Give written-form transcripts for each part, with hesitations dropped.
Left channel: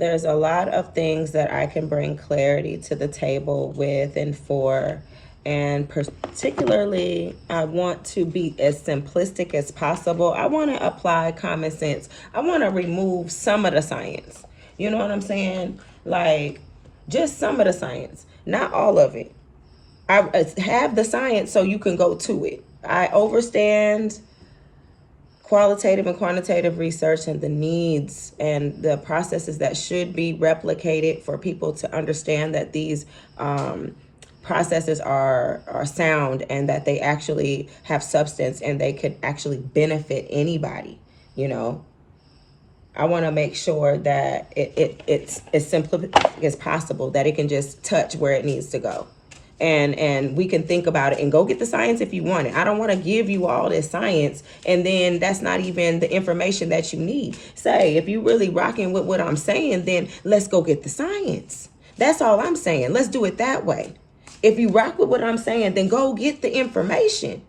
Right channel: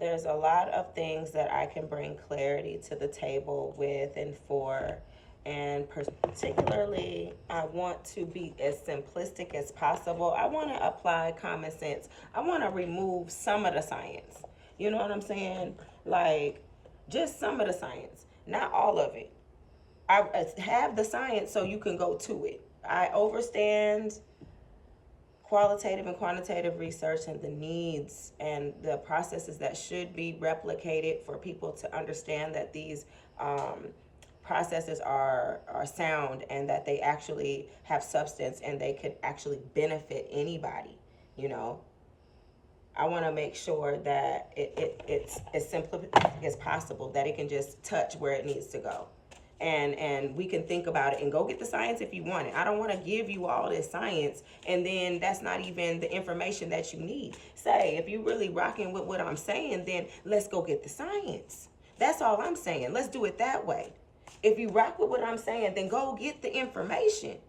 There's a lot of things that I can bring clarity to the table with and for. And particularly, I want to be as simplistic as possible. I want to apply common sense. I want to remove some of the science. You know what I'm saying? Like, just some of the science, not all of it. I have the science so you can go to it. I understand qualitative and quantitative research and the needs and the processes that should be replicated for people to understand that these processes are sound and that they actually have substance and they could actually benefit anybody. You know, I want to make sure that it's as simple as possible, that it can just touch where it needs to go. And we can think about it and go get the science if you want it. I don't want to give you all this science and then that's not even the information that you need. Say, if you really rocking with what I'm saying, then let's go get the science. That's all I'm saying. Let's do it that way. If you rock with what I'm saying, then go get the information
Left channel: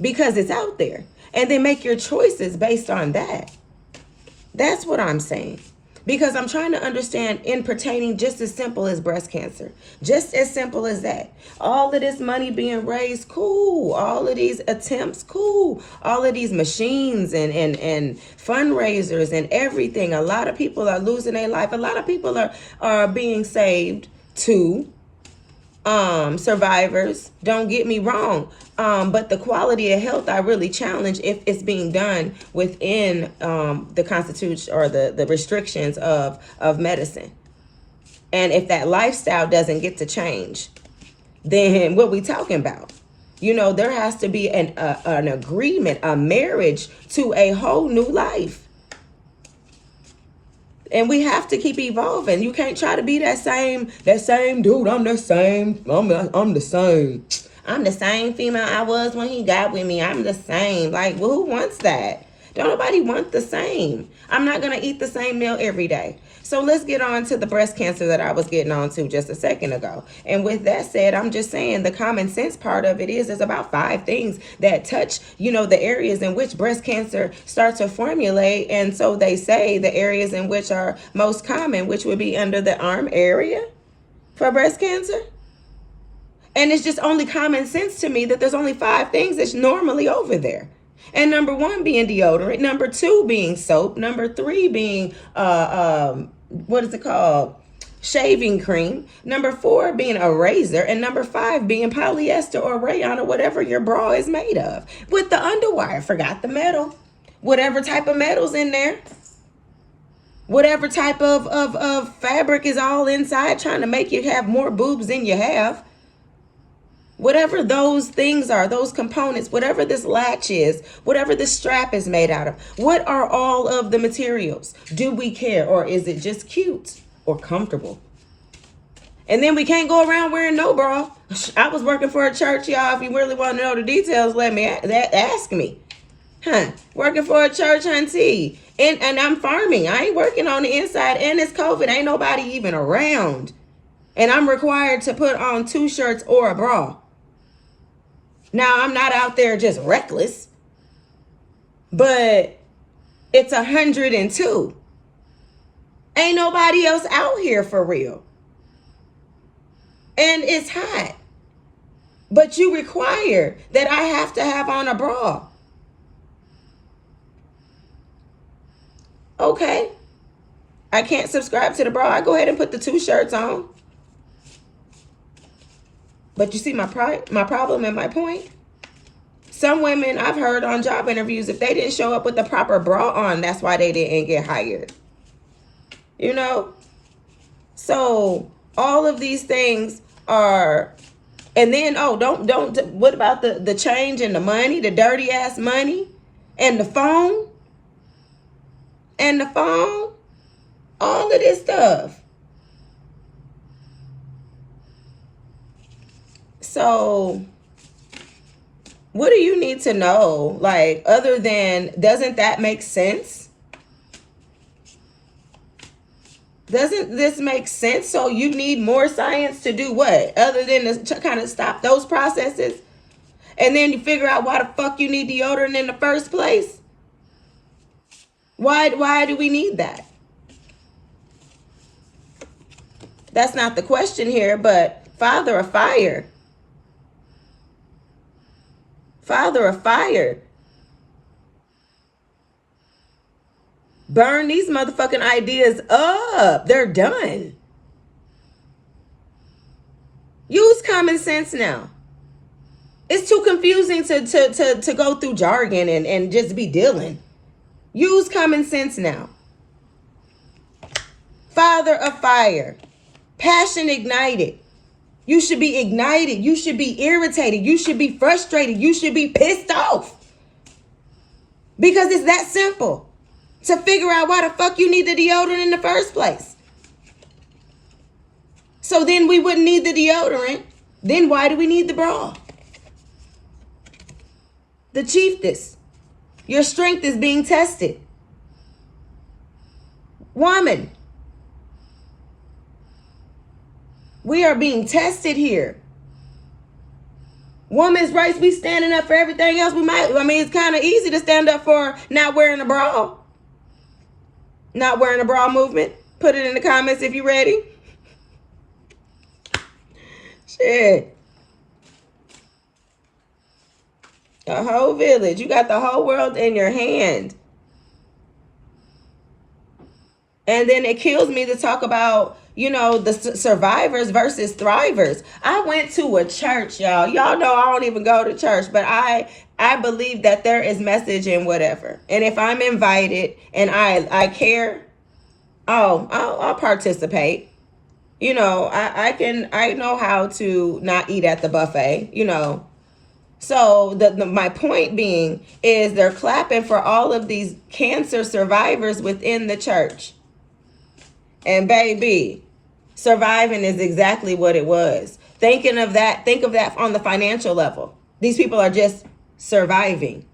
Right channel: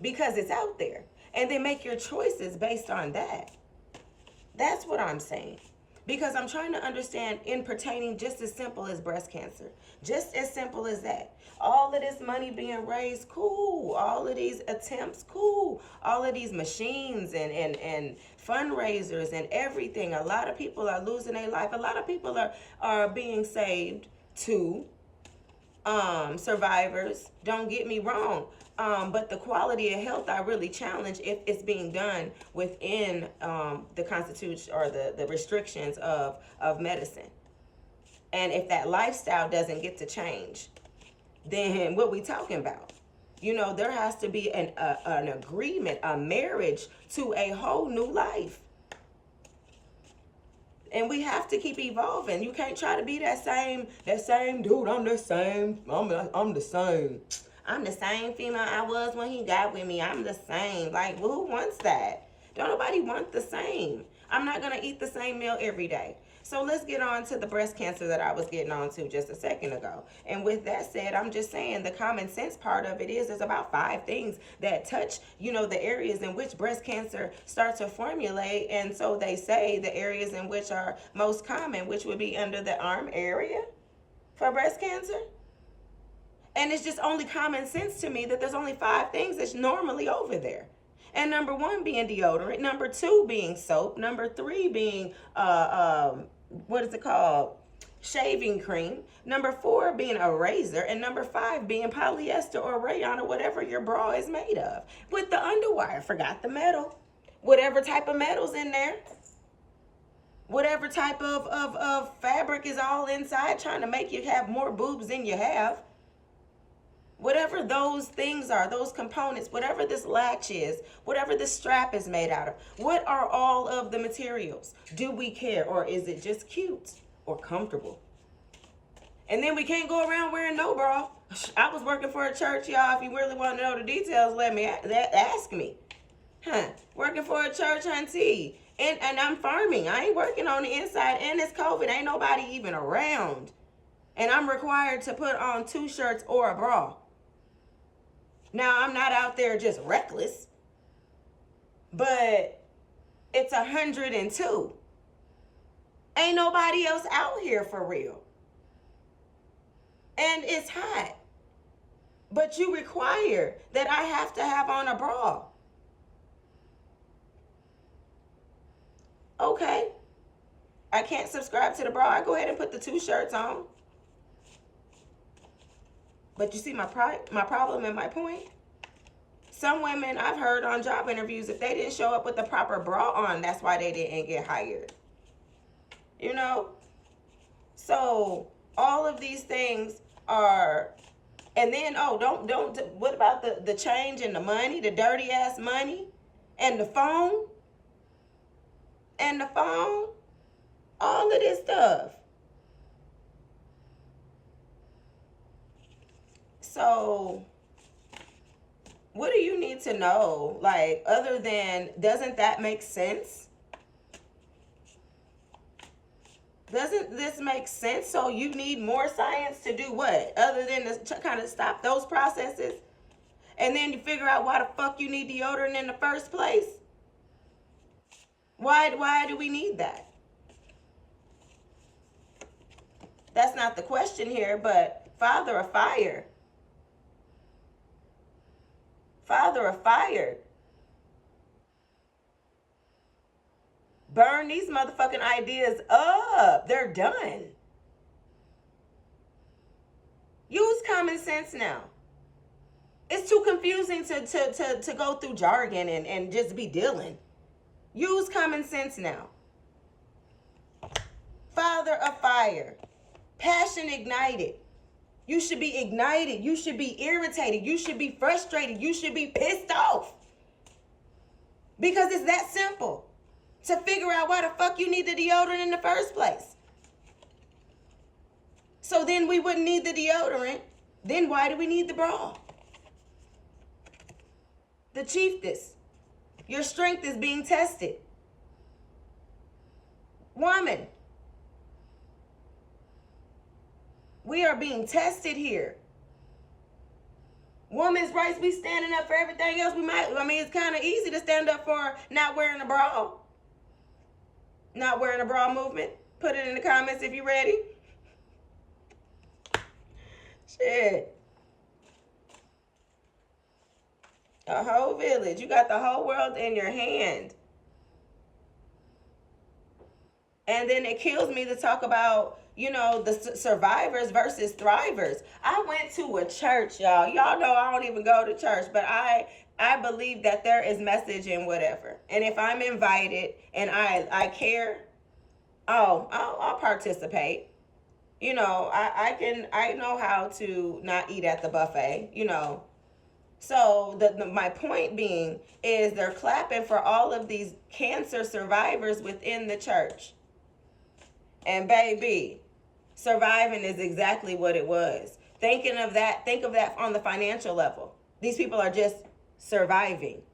because it's out there. And then make your choices based on that. That's what I'm saying. Because I'm trying to understand in pertaining just as simple as breast cancer. Just as simple as that. All of this money being raised, cool. All of these attempts, cool. All of these machines and fundraisers and everything. A lot of people are losing their life. A lot of people are being saved too. Survivors, don't get me wrong, but the quality of health I really challenge if it's being done within the constitution or the restrictions of medicine. And if that lifestyle doesn't get to change, then what we talking about? You know, there has to be an agreement, a marriage to a whole new life. And we have to keep evolving. You can't try to be that same dude. I'm the same. I'm the same. I'm the same female I was when he got with me. I'm the same. Like, well, who wants that? Don't nobody want the same. I'm not going to eat the same meal every day. So let's get on to the breast cancer that I was getting on to just a second ago. And with that said, I'm just saying the common sense part of it is there's about 5 things that touch, you know, the areas in which breast cancer starts to formulate. And so they say the areas in which are most common, which would be under the arm area for breast cancer. And it's just only common sense to me that there's only 5 things that's normally over there. And number 1 being deodorant, number 2 being soap, number 3 being what is it called? Shaving cream. Number 4 being a razor, and number 5 being polyester or rayon or whatever your bra is made of. With the underwire, forgot the metal. Whatever type of metal's in there. Whatever type of fabric is all inside trying to make you have more boobs than you have. Whatever those things are, those components, whatever this latch is, whatever this strap is made out of, what are all of the materials? Do we care, or is it just cute or comfortable? And then we can't go around wearing no bra. I was working for a church, y'all. If you really want to know the details, let me ask me. Working for a church, hunty. And I'm farming. I ain't working on the inside, and it's COVID. Ain't nobody even around. And I'm required to put on 2 shirts or a bra. Now, I'm not out there just reckless, but it's 102. Ain't nobody else out here for real. And it's hot. But you require that I have to have on a bra. Okay. I can't subscribe to the bra. I go ahead and put the 2 shirts on. But you see my problem and my point? Some women I've heard on job interviews, if they didn't show up with the proper bra on, that's why they didn't get hired. You know? So all of these things are, and then, what about the change and the money, the dirty ass money and the phone? And the phone? All of this stuff. So what do you need to know? Like, other than, doesn't that make sense? Doesn't this make sense? So you need more science to do what? Other than to kind of stop those processes? And then you figure out why the fuck you need deodorant in the first place? Why do we need that? That's not the question here, but Father of fire. Father of fire. Burn these motherfucking ideas up. They're done. Use common sense now. It's too confusing to go through jargon and just be dealing. Use common sense now. Father of fire. Passion ignited. You should be ignited. You should be irritated. You should be frustrated. You should be pissed off. Because it's that simple to figure out why the fuck you need the deodorant in the first place. So then we wouldn't need the deodorant. Then why do we need the bra? The chiefess. Your strength is being tested. Woman. We are being tested here. Women's rights, we standing up for everything else. It's kind of easy to stand up for not wearing a bra. Not wearing a bra movement. Put it in the comments if you're ready. Shit. A whole village. You got the whole world in your hand. And then it kills me to talk about, the survivors versus thrivers. I went to a church, y'all. Y'all know I don't even go to church, but I believe that there is message in whatever. And if I'm invited and I care, I'll participate. I know how to not eat at the buffet, So my point being is they're clapping for all of these cancer survivors within the church. And baby, surviving is exactly what it was. Think of that on the financial level. These people are just surviving.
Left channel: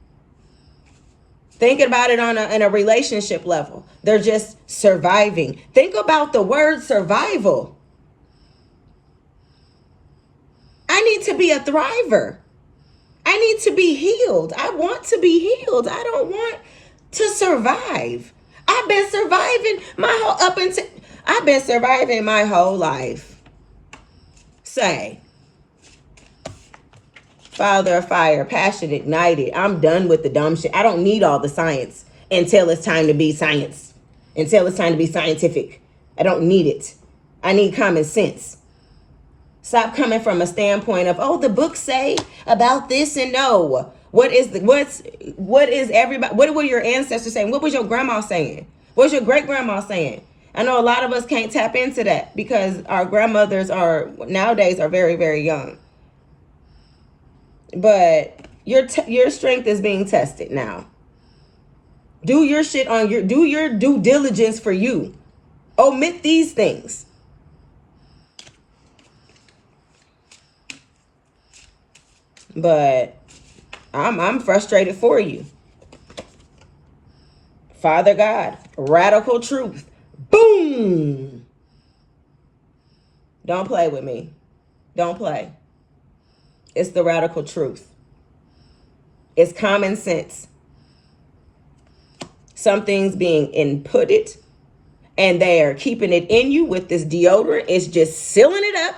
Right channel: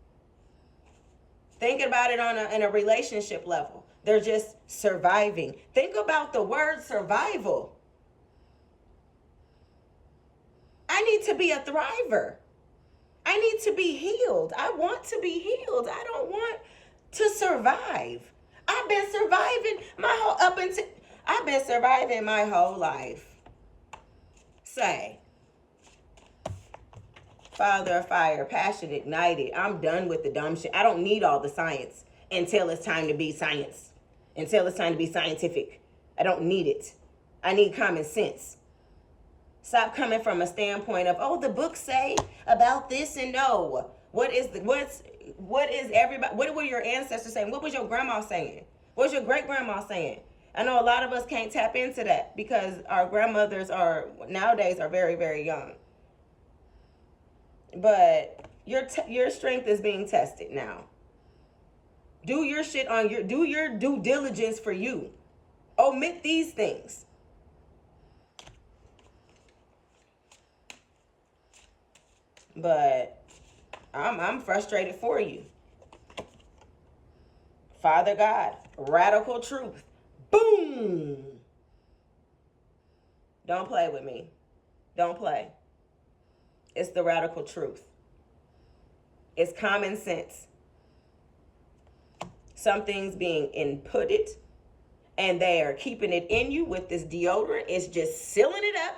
Thinking about it in a relationship level. They're just surviving. Think about the word survival. I need to be a thriver. I need to be healed. I want to be healed. I don't want to survive. I've been surviving my whole life. Say, Father of fire, passion ignited. I'm done with the dumb shit. I don't need all the science until it's time to be science. Until it's time to be scientific. I don't need it. I need common sense. Stop coming from a standpoint of, the books say about this and no. What were your ancestors saying? What was your grandma saying? What was your great grandma saying? I know a lot of us can't tap into that because our grandmothers nowadays are very, very young. But your strength is being tested now. Do your shit do your due diligence for you. Omit these things. But I'm frustrated for you. Father God, radical truth. Boom. Don't play with me. Don't play. It's the radical truth. It's common sense. Something's being inputted and they are keeping it in you with this deodorant. It's just sealing it up.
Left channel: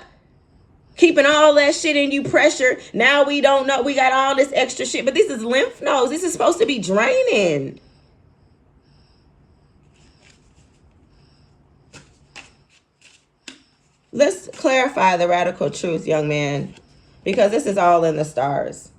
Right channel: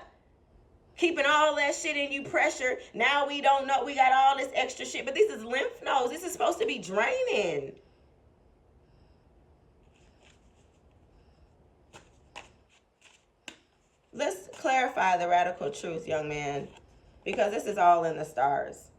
Keeping all that shit in you, pressure. Now we don't know. We got all this extra shit. But this is lymph nodes. This is supposed to be draining. Let's clarify the radical truth, young man. Because this is all in the stars.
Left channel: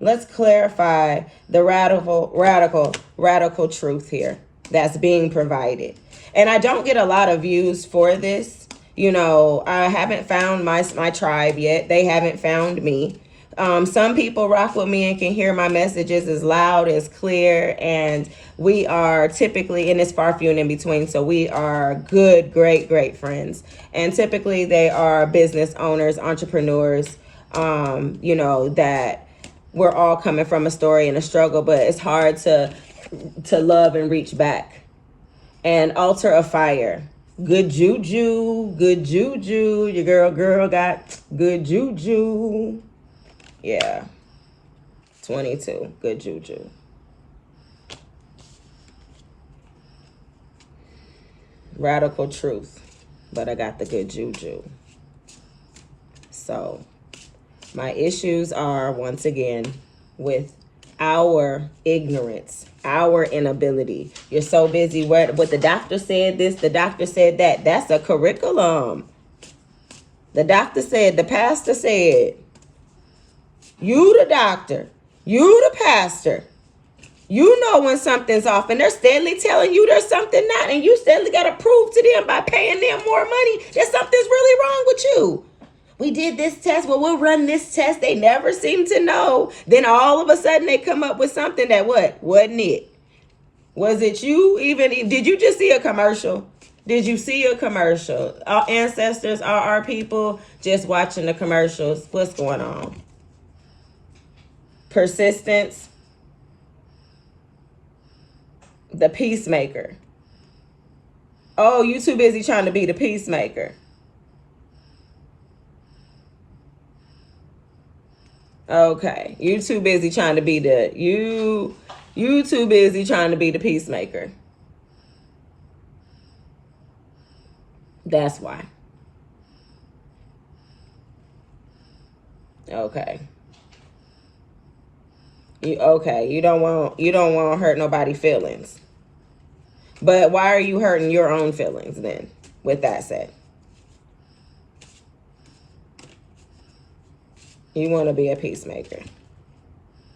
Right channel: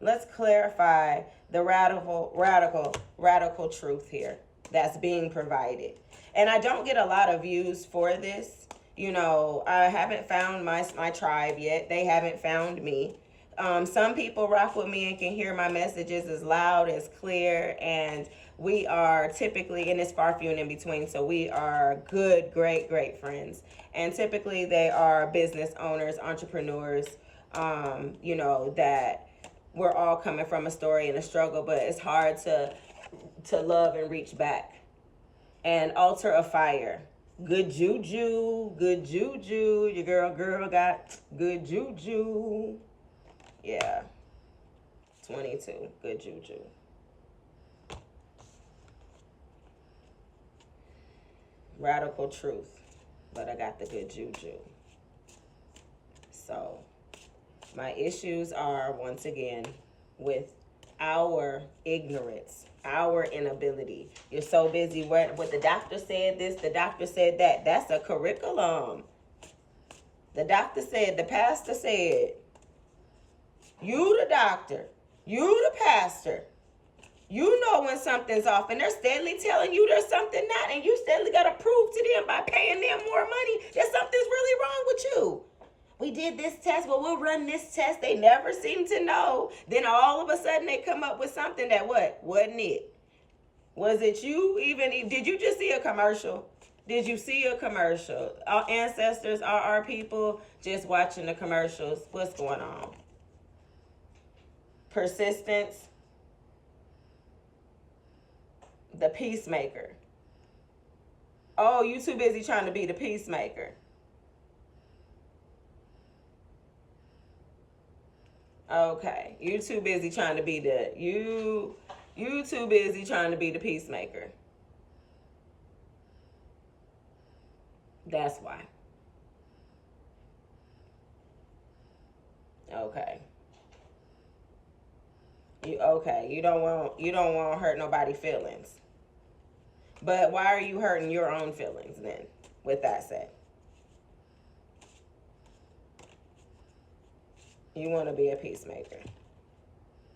Let's clarify the radical truth here that's being provided. And I don't get a lot of views for this. I haven't found my tribe yet. They haven't found me. Some people rock with me and can hear my messages as loud, as clear, and we are typically, and it's far few and in between, so we are good, great friends. And typically they are business owners, entrepreneurs, that we're all coming from a story and a struggle, but it's hard to love and reach back. And altar of fire. Good juju. Your girl got good juju. Yeah. 22. Good juju. Radical truth. but I got the good juju. So my issues are, once again, with our ignorance, our inability. You're so busy what the doctor said this, the doctor said that. That's a curriculum. The doctor said, the pastor said. You the doctor, you the pastor. You know when something's off, and they're steadily telling you there's something not, and you steadily got to prove to them by paying them more money that something's really wrong with you. We did this test. Well, we'll run this test. They never seem to know. Then all of a sudden they come up with something that what? Wasn't it? Was it you? Even did you just see a commercial? Did you see a commercial? Our ancestors are our people just watching the commercials. What's going on? Persistence. The peacemaker. Oh, you too busy trying to be the peacemaker. Okay, you too busy trying to be the you too busy trying to be the peacemaker. That's why. Okay. You don't want to hurt nobody's feelings. But why are you hurting your own feelings then, with that said? You want to be a peacemaker.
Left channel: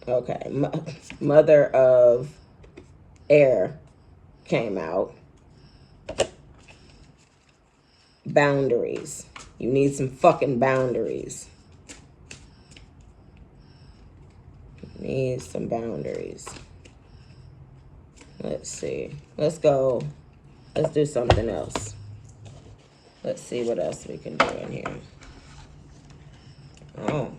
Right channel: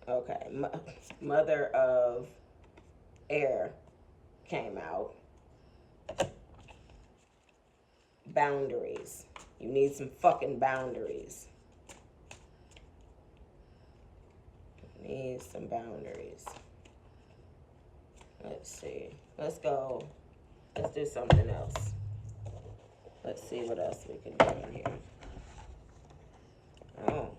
Okay. Mother of Air came out. Boundaries. You need some fucking boundaries. You need some boundaries. Let's see. Let's go. Let's do something else. Let's see what else we can do in here. Oh.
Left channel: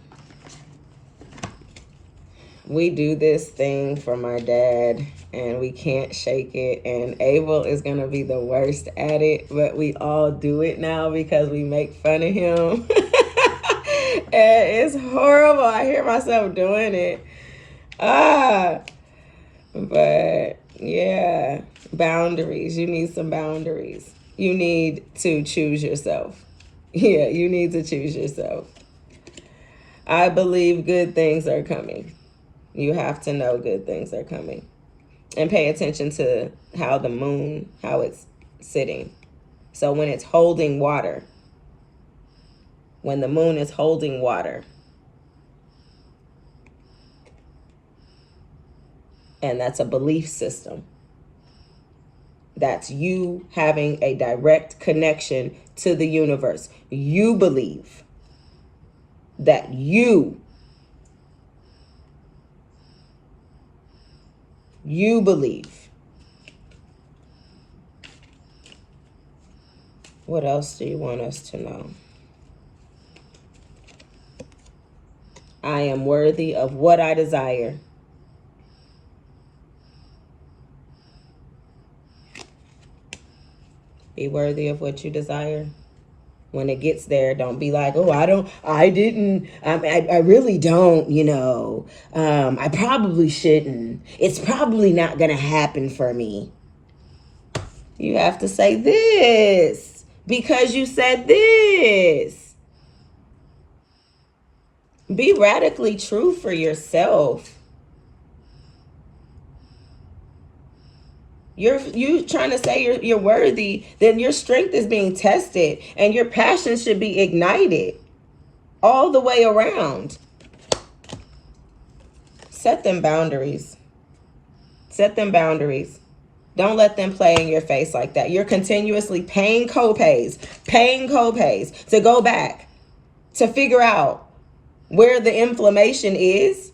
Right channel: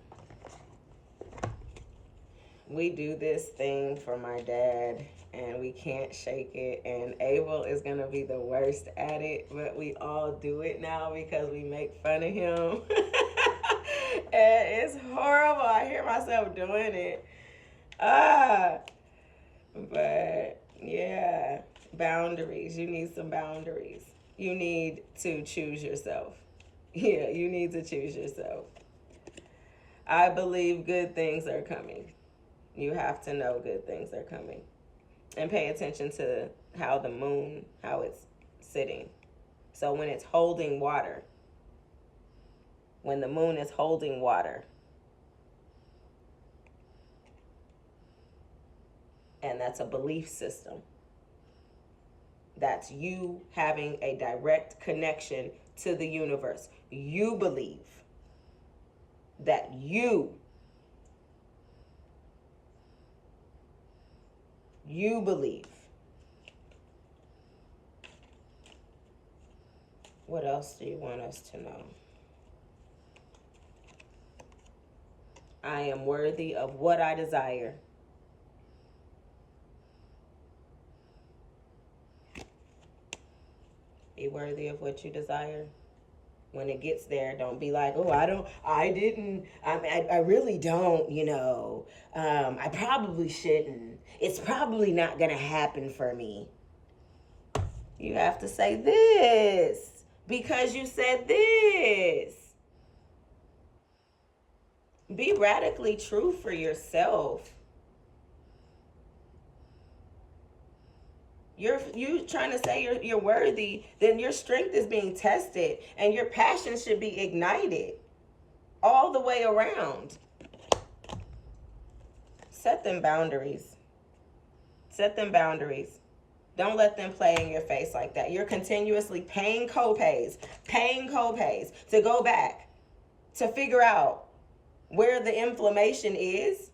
We do this thing for my dad, and we can't shake it. And Abel is going to be the worst at it, but we all do it now because we make fun of him. And it's horrible. I hear myself doing it. But yeah, boundaries. You need some boundaries. You need to choose yourself. Yeah, you need to choose yourself. I believe good things are coming. You have to know good things are coming. And pay attention to how the moon, how it's sitting. So when it's holding water, when the moon is holding water, and that's a belief system. That's you having a direct connection to the universe. You believe that you believe. What else do you want us to know? I am worthy of what I desire. Be worthy of what you desire. When it gets there, don't be like, oh, I really don't, I probably shouldn't. It's probably not going to happen for me. You have to say this because you said this. Be radically true for yourself. You trying to say you're worthy, then your strength is being tested and your passion should be ignited all the way around. Set them boundaries. Set them boundaries. Don't let them play in your face like that. You're continuously paying copays to go back to figure out where the inflammation is.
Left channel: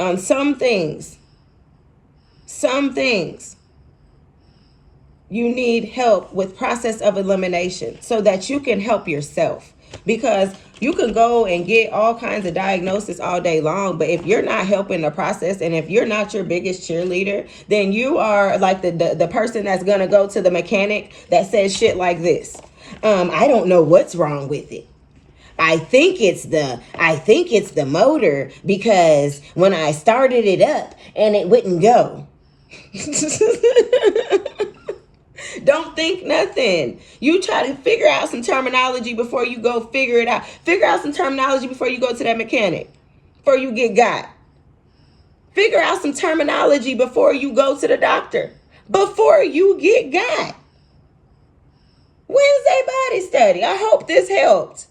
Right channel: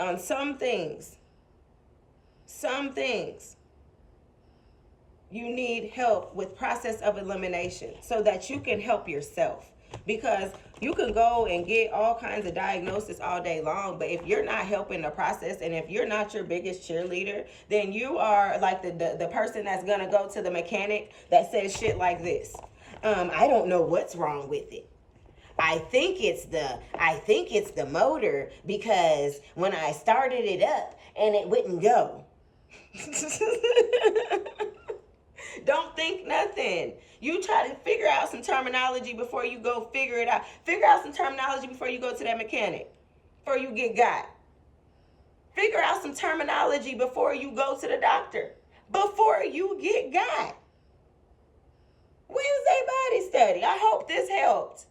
On some things, you need help with process of elimination so that you can help yourself. Because you can go and get all kinds of diagnosis all day long, but if you're not helping the process and if you're not your biggest cheerleader, then you are like the person that's going to go to the mechanic that says shit like this. I don't know what's wrong with it. I think it's the motor because when I started it up and it wouldn't go. Don't think nothing. You try to figure out some terminology before you go figure it out. Figure out some terminology before you go to that mechanic, before you get got. Figure out some terminology before you go to the doctor, before you get got. Wednesday Body Study. I hope this helped.